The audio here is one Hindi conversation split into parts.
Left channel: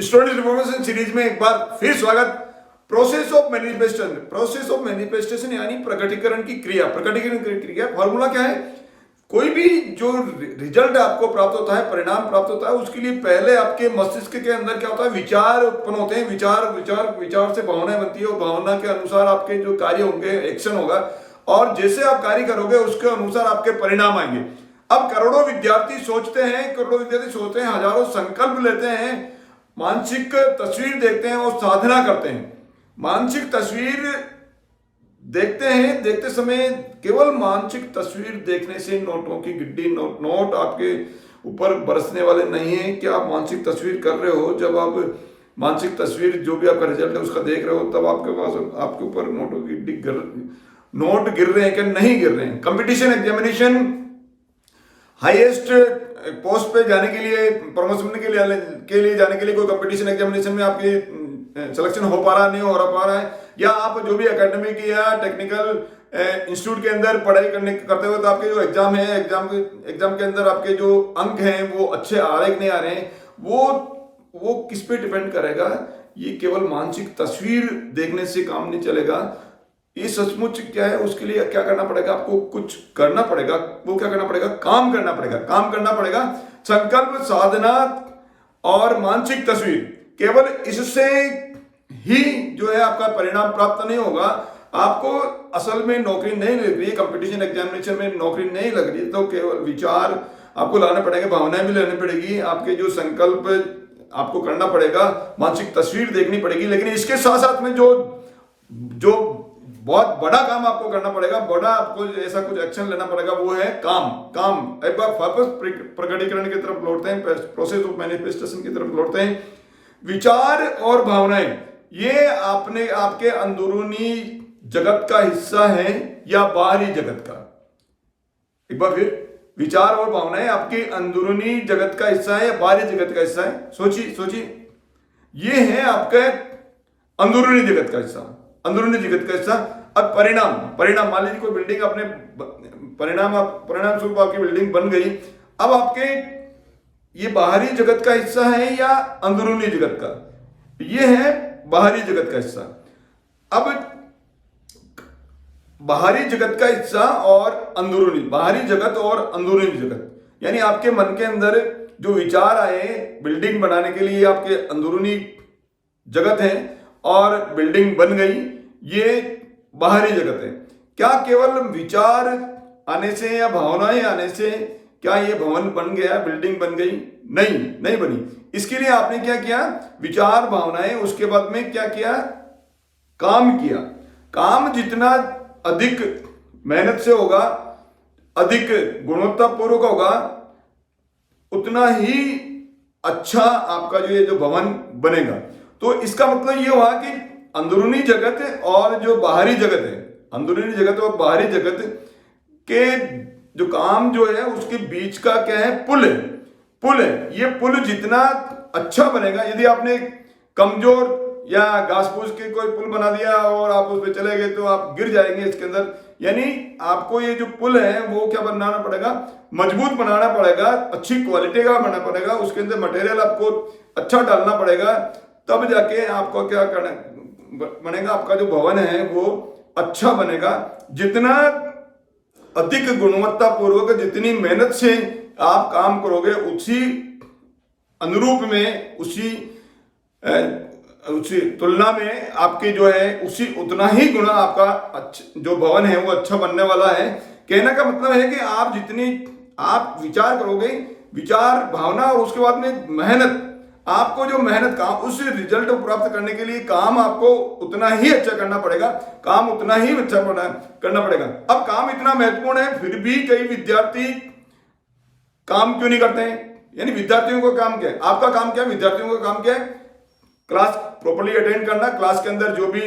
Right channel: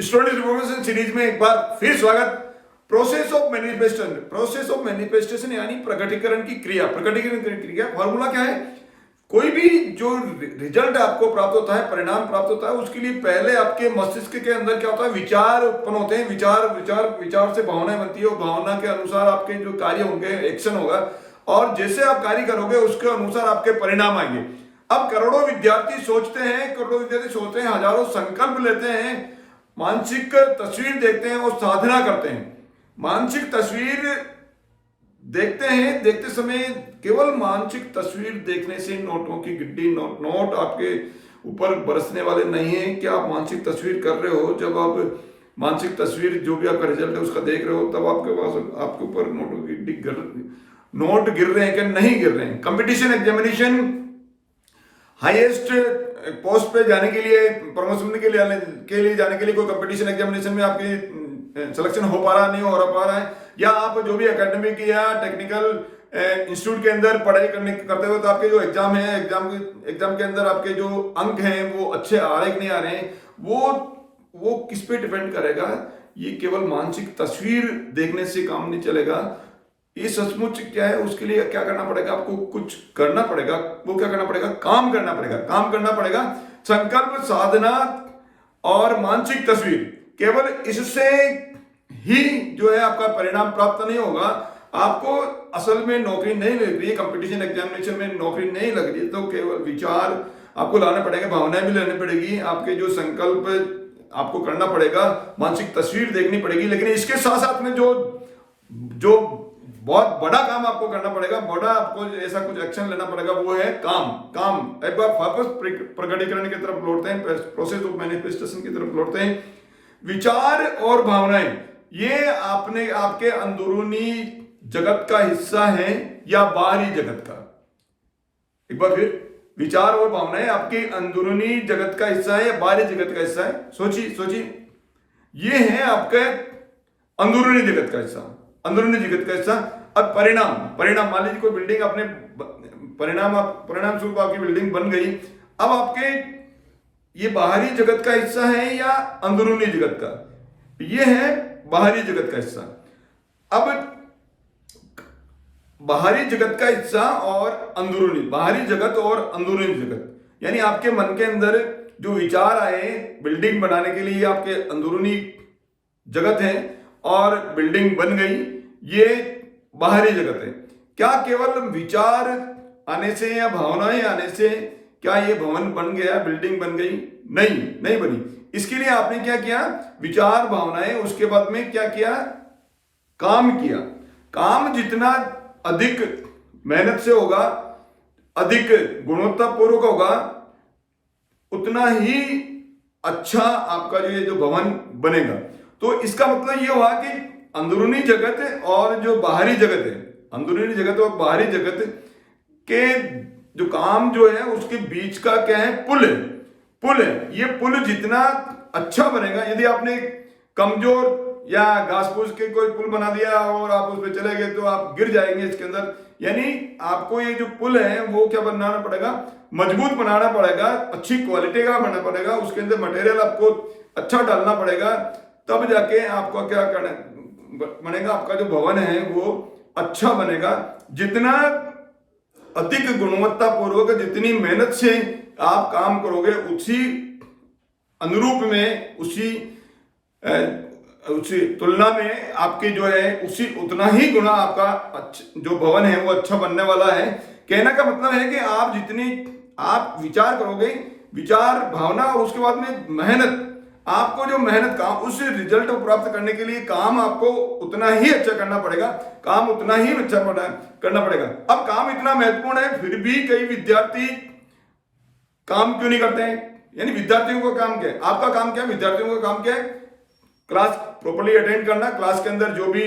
स्टूडेंट इन्फॉर्मेशन सीरीज में एक बार फिर स्वागत। प्रोसेस ऑफ मैनिफेस्टेशन यानी प्रकटीकरण की क्रिया। प्रकटीकरण की क्रिया फॉर्मूला क्या है? कोई भी जो रिजल्ट आपको प्राप्त होता है, परिणाम प्राप्त होता है, उसके लिए पहले आपके मस्तिष्क के अंदर क्या होता है? विचार उत्पन्न होते हैं। विचार से भावनाएं बनती है और भावना के अनुसार आपके जो कार्य होंगे, एक्शन होगा, और जैसे आप कार्य करोगे उसके अनुसार आपके परिणाम आएंगे। अब करोड़ों विद्यार्थी सोचते हैं, हजारों संकल्प लेते हैं, मानसिक तस्वीर देखते हैं और साधना करते हैं। मानसिक तस्वीर देखते हैं, देखते समय केवल मानसिक तस्वीर देखने से नोटों की गिड्डी नोट आपके ऊपर बरसने वाले नहीं है। क्या आप मानसिक तस्वीर कर रहे हो? जब आप मानसिक तस्वीर जो भी आपका रिजल्ट है उसका देख रहे हो, तब आपके पास आपके ऊपर नोटों की नोट गिर रहे हैं कि नहीं गिर रहे हैं? कंपटीशन एग्जामिनेशन, हाईएस्ट पोस्ट पे जाने के लिए, प्रमोशन के लिए जाने के लिए कोई कंपटीशन एग्जामिनेशन में आपकी सिलेक्शन हो पा रहा नहीं हो पा रहा है, या आप जो भी एकेडमिक या टेक्निकल इंस्टीट्यूट के अंदर पढ़ाई करते हुए तो आपके जो एग्जाम है, एग्जाम के अंदर आपके जो अंक हैं वो अच्छे आ रहे कि नहीं आ रहे हैं, वो किस पे डिपेंड करेगा? ये केवल मानसिक तस्वीर देखने से काम नहीं चलेगा। ये सचमुच क्या है? उसके लिए क्या करना पड़ेगा? आपको कुछ करना पड़ेगा। वो क्या करना पड़ेगा? काम करना पड़ेगा। संकल्प, साधना और मानसिक तस्वीर, केवल इससे ही जो है आपका परिणाम प्राप्त नहीं होगा। आपको असल में नौकरी नहीं लग रही, कंपटीशन एग्जामिनेशन में नौकरी नहीं लग रही, तो केवल विचार आपको लाना पड़ेगा, भावनाएं भी लेनी पड़ेगी, आपके जो संकल्प आपको करना पड़ेगा, मानसिक तस्वीर देखनी पड़ेगी। लेकिन इसके साथ साथ में जो बहुत बड़ा काम आपको करना पड़ेगा, बड़ा आपको ऐसा कुछ एक्शन लेना पड़ेगा, वो है काम। एक बार वापस प्रकटीकरण की तरफ लौटते हैं, प्रोसेस ऑफ मैनिफेस्टेशन की तरफ लौटते हैं। विचार और भावनाएं ये आपके अंदरूनी जगत का हिस्सा है या बाहरी जगत का? एक बार फिर, विचार और भावनाएं आपकी अंदरूनी जगत का हिस्सा है या बाहरी जगत का हिस्सा है? सोचिए, ये है आपके अंदरूनी जगत का हिस्सा। अब परिणाम मान लीजिए कोई बिल्डिंग, अपने परिणाम स्वरूप आपकी बिल्डिंग बन गई। अब आपके ये बाहरी जगत का हिस्सा है या अंदरूनी जगत का? ये है बाहरी जगत का हिस्सा। अब बाहरी जगत का हिस्सा और बाहरी जगत और अंदरूनी जगत, यानी आपके मन के अंदर जो विचार आए बिल्डिंग बनाने के लिए, आपके अंदरूनी जगत है, और बिल्डिंग बन गई, ये बाहरी जगत है। क्या केवल विचार आने से या भावनाएं आने से क्या ये भवन बन गया, बिल्डिंग बन गई? नहीं बनी। इसके लिए आपने क्या किया? विचार, भावनाएं, उसके बाद में क्या किया? काम किया। काम जितना अधिक मेहनत से होगा, अधिक गुणवत्तापूर्वक होगा, उतना ही अच्छा आपका जो भवन बनेगा। तो इसका मतलब ये हुआ कि अंदरूनी जगत और जो बाहरी जगत है, अंदरूनी जगत और बाहरी जगत के जो काम जो है उसके बीच का क्या है? पुल है। ये पुल जितना अच्छा बनेगा, यदि आपने कमजोर या घास फूस के कोई पुल बना दिया और आप उस पर चले गए तो आप गिर जाएंगे इसके अंदर। यानी आपको ये जो पुल है वो क्या बनाना पड़ेगा? मजबूत बनाना पड़ेगा, अच्छी क्वालिटी का बनाना पड़ेगा, उसके अंदर मटेरियल आपको अच्छा डालना पड़ेगा, तब जाके आपको क्या करना बनेगा? आपका जो भवन है वो अच्छा बनेगा। जितना अधिक गुणवत्तापूर्वक, जितनी मेहनत से आप काम करोगे, उसी अनुरूप में, उसी तुलना में आपके जो है उतना ही गुना आपका जो भवन है वो अच्छा बनने वाला है। कहने का मतलब है कि आप जितनी आप विचार करोगे, विचार, भावना, और उसके बाद में मेहनत, आपको जो मेहनत काम, उस रिजल्ट को प्राप्त करने के लिए काम आपको उतना ही अच्छा करना पड़ेगा, काम उतना ही अच्छा करना पड़ेगा। अब काम इतना महत्वपूर्ण है, फिर भी कई विद्यार्थी काम क्यों नहीं करते हैं? यानी विद्यार्थियों का काम क्या है? आपका काम क्या है? विद्यार्थियों का काम क्या है? क्लास प्रॉपर्ली अटेंड करना, क्लास के अंदर जो भी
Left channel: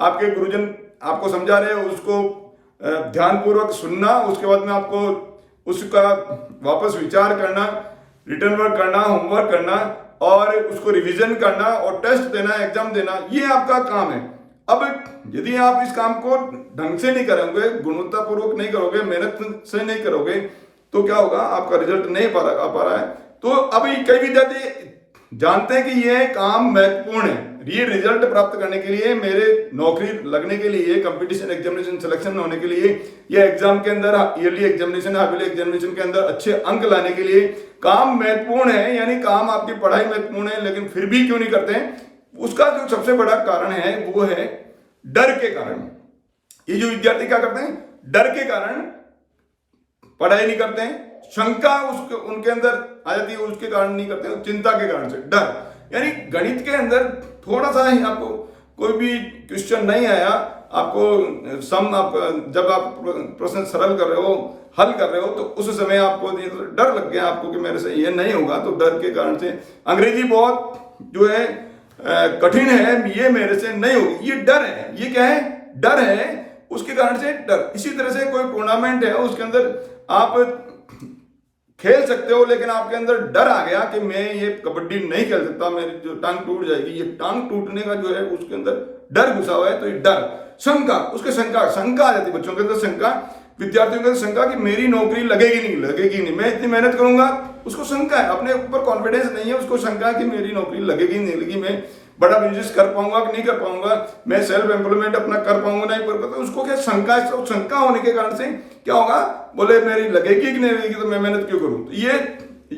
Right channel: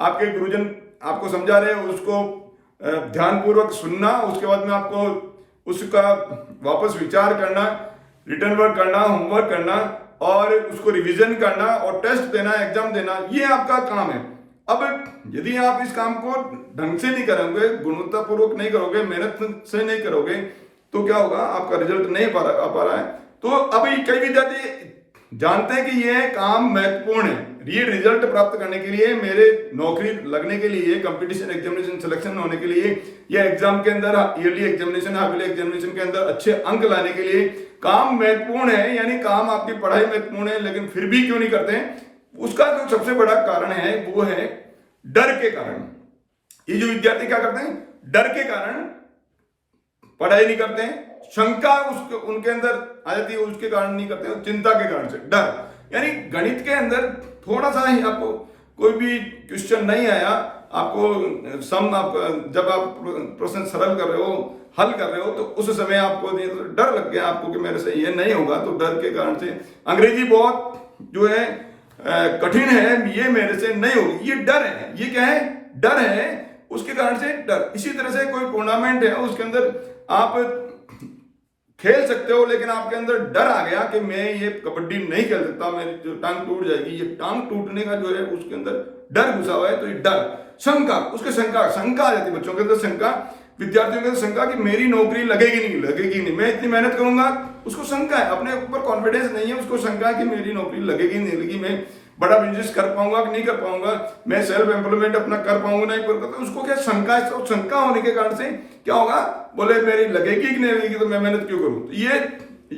आपके गुरुजन आपको समझा रहे हो उसको ध्यानपूर्वक सुनना, उसके बाद में आपको उसका वापस विचार करना, रिटर्न वर्क करना, होमवर्क करना, और उसको रिवीजन करना, और टेस्ट देना, एग्जाम देना, ये आपका काम है। अब यदि आप इस काम को ढंग से नहीं करोगे, गुणवत्तापूर्वक नहीं करोगे, मेहनत से नहीं करोगे, तो क्या होगा? आपका रिजल्ट नहीं आ पा रहा है। तो अब कई विद्यार्थी जानते हैं कि ये काम महत्वपूर्ण है, ये रिजल्ट प्राप्त करने के लिए, मेरे नौकरी लगने के लिए, कंपटीशन एग्जामिनेशन सिलेक्शन होने के लिए, या एग्जाम के अंदर ईयरली एग्जामिनेशन हाफ एग्जामिनेशन के अंदर अच्छे अंक लाने के लिए काम महत्वपूर्ण है, यानी काम आपकी पढ़ाई महत्वपूर्ण है, लेकिन फिर भी क्यों नहीं करते हैं? उसका जो सबसे बड़ा कारण है वो है डर के कारण। ये जो विद्यार्थी क्या करते हैं, डर के कारण पढ़ाई नहीं करते हैं, शंका उनके अंदर आ जाती है, उसके कारण नहीं करते हैं, चिंता के कारण से, डर। यानी गणित के अंदर थोड़ा सा ही आपको कोई भी क्वेश्चन नहीं आया, आपको जब आप प्रश्न सरल कर रहे हो, हल कर रहे हो, तो उस समय आपको डर लग गया आपको कि मेरे से ये नहीं होगा, तो डर के कारण से अंग्रेजी बहुत जो है कठिन है, ये मेरे से नहीं होगी, ये डर है। ये क्या है? डर है, उसके कारण से डर। इसी तरह से कोई टूर्नामेंट है, उसके अंदर आप खेल सकते हो, लेकिन आपके अंदर डर आ गया कि मैं ये कबड्डी नहीं खेल सकता, मेरी जो टांग टूट जाएगी, ये टांग टूटने का जो है उसके अंदर डर घुसा हुआ है, तो ये डर, शंका, उसके शंका आ जाती है बच्चों के अंदर, शंका, विद्यार्थियों के अंदर शंका कि मेरी नौकरी लगेगी नहीं, मैं इतनी मेहनत करूंगा, उसको शंका है, अपने ऊपर कॉन्फिडेंस नहीं है, उसको शंका है कि मेरी नौकरी लगेगी नहीं लगेगी, मैं बड़ा बिजनेस कर पाऊंगा कि नहीं कर पाऊंगा, मैं सेल्फ एम्प्लॉयमेंट अपना कर पाऊंगा नहीं कर पाऊंगा, उसको क्या शंका है। तो शंका होने के कारण से क्या होगा, बोले मेरी लगेगी कि नहीं लगेगी, तो मैं मेहनत क्यों करूं, तो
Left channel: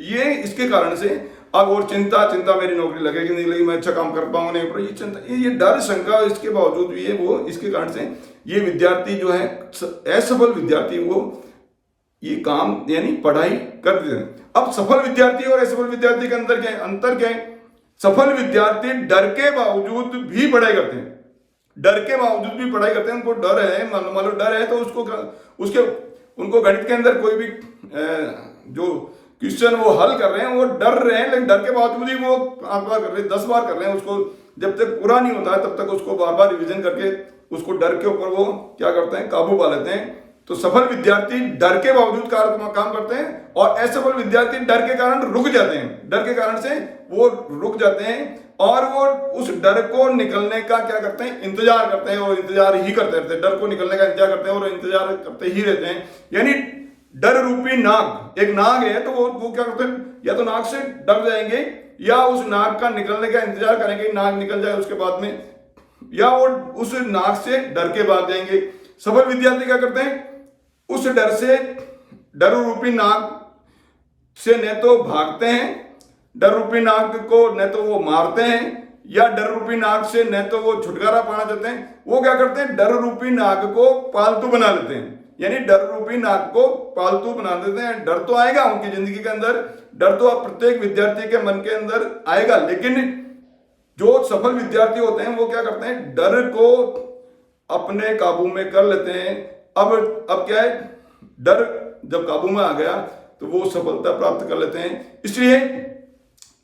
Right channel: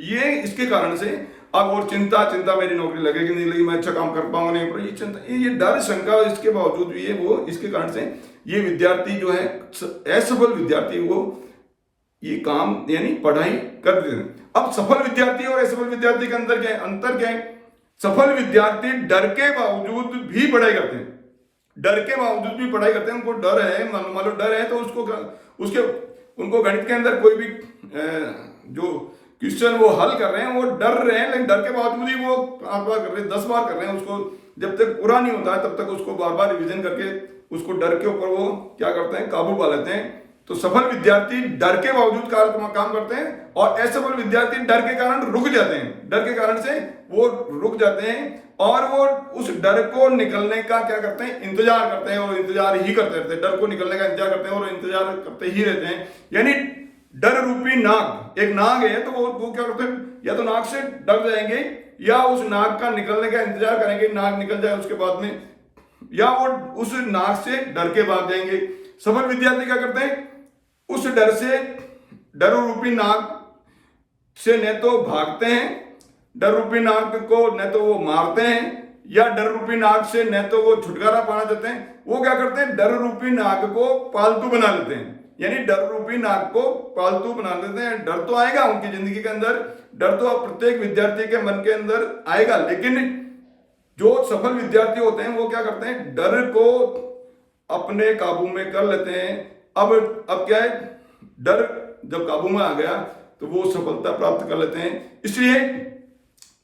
ये इसके कारण से। अब और चिंता, मेरी नौकरी लगेगी नहीं लगेगी, मैं अच्छा काम कर पाऊंगा नहीं पर, ये चिंता, ये डर, शंका, इसके बावजूद भी ये वो, इसके कारण से ये विद्यार्थी जो है असफल विद्यार्थी, वो ये काम यानी पढ़ाई कर देते हैं। अब सफल विद्यार्थी और असफल विद्यार्थी के अंदर क्या है, अंतर क्या है? सफल विद्यार्थी डर के बावजूद भी पढ़ाई करते हैं, डर के बावजूद भी पढ़ाई करते हैं, उनको डर है, मान लो डर है, तो उनको गणित के अंदर कोई भी जो क्वेश्चन वो हल कर रहे हैं, वो डर रहे हैं, लेकिन डर के बावजूद ही वो 8 बार कर रहे हैं, 10 बार कर रहे हैं, उसको जब तक पूरा नहीं होता है तब तक उसको बार बार रिविजन करके उसको डर के ऊपर वो क्या करते हैं, काबू पा लेते हैं। तो सफल विद्यार्थी डर के बावजूद काम करते हैं, और असफल विद्यार्थी डर के कारण रुक जाते हैं, डर के कारण से वो रुक जाते हैं, और वो उस डर को निकलने का क्या करते हैं, इंतजार करते हैं, और इंतजार ही करते रहते हैं, डर को निकलने का इंतजार करते हैं और इंतजार करते ही रहते हैं। यानी डर रूपी नाग, एक नाग है, तो वो क्या करते हैं, या तो नाग से डर जाएंगे, या उस नाग का निकलने का इंतजार करेंगे, नाग निकल जाए उसके बाद में, या वो उस नाग से डर के भाग जाएंगे। सफल विद्यार्थी क्या करते हैं, उस डर से, डर रूपी नाग से न तो भागते हैं, डर रूपी नाग को न तो वो मारते हैं, या डर रूपी नाग से न तो वो छुटकारा पाना चाहते हैं, वो क्या करते हैं, डर रूपी नाग को पालतू बना लेते हैं। यानी डर रूपी नाग को पालतू बना देते हैं। डर तो आएगा उनकी जिंदगी के अंदर, डर तो प्रत्येक विद्यार्थी के मन के अंदर आएगा, लेकिन जो सफल विद्यार्थी होते हैं वो क्या करते हैं, डर को अपने काबू में कर लेते हैं। अब क्या है, डर जब काबू में आ गया तो वो सफलता प्राप्त कर लेते हैं। इसलिए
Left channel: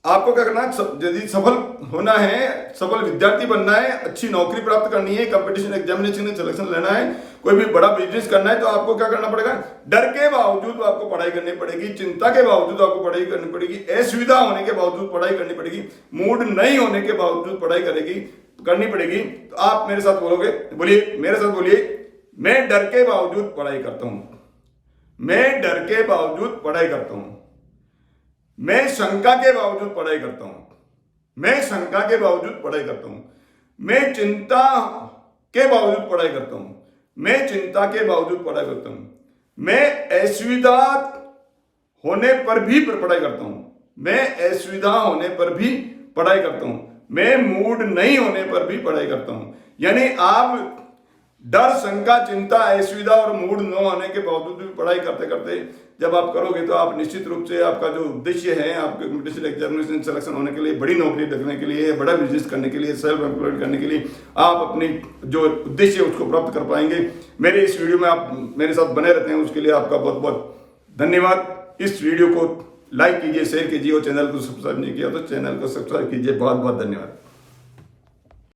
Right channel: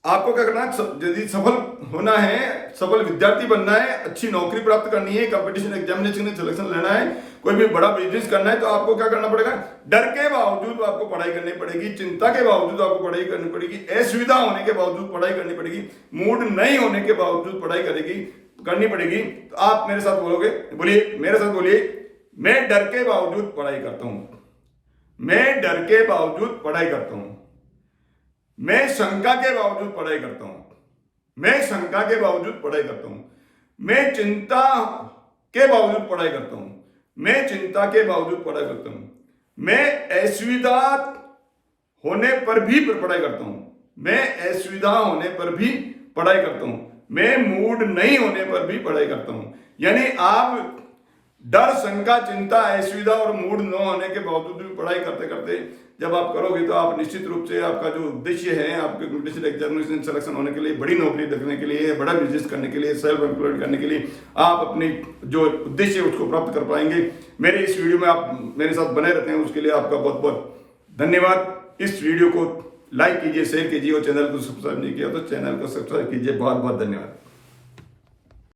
आपको क्या करना है, यदि सफल होना है, सफल विद्यार्थी बनना है, अच्छी नौकरी प्राप्त करनी है, कंपटीशन एग्जामिनेशन में सिलेक्शन लेना है, कोई भी बड़ा बिजनेस करना है, तो आपको क्या करना पड़ेगा, डर के बावजूद आपको पढ़ाई करनी पड़ेगी, चिंता के बावजूद आपको पढ़ाई करनी पड़ेगी, असुविधा होने के बावजूद पढ़ाई करनी पड़ेगी, मूड नहीं होने के बावजूद पढ़ाई करनी पड़ेगी। तो आप मेरे साथ बोलिए, मेरे साथ बोलिए, मैं डर के बावजूद पढ़ाई करता हूं, मैं डर के बावजूद पढ़ाई करता हूं, मैं शंका के बावजूद पढ़ाई करता हूं, मैं शंका के बावजूद पढ़ाई करता हूं, मैं चिंता के बावजूद पढ़ाई करता हूं, मैं चिंता के बावजूद पढ़ाई करता हूं, मैं असुविधा होने पर भी पढ़ाई करता हूं, मैं असुविधा होने पर भी पढ़ाई करता हूं, मैं मूड नहीं होने पर भी पढ़ाई करता हूं। यानी आप डर, शंका, चिंता, असुविधा और मूड न होने के बावजूद भी पढ़ाई करते करते जब आप करोगे तो आप निश्चित रूप से आपका जो उद्देश्य है, आपके कंपटीशन एग्जामिनेशन सिलेक्शन होने के लिए, बड़ी नौकरी लगने के लिए, बड़ा बिजनेस करने के लिए, सेल्फ एम्प्लॉयड करने के लिए, आप अपनी जो उद्देश्य है उसको प्राप्त कर पाएंगे। मेरे इस वीडियो में आप मेरे साथ बने रहते हैं, उसके लिए आपका बहुत बहुत धन्यवाद। इस वीडियो को लाइक कीजिए, शेयर कीजिए, और चैनल को सब्सक्राइब नहीं किया तो चैनल को सब्सक्राइब कीजिए। बहुत बहुत धन्यवाद।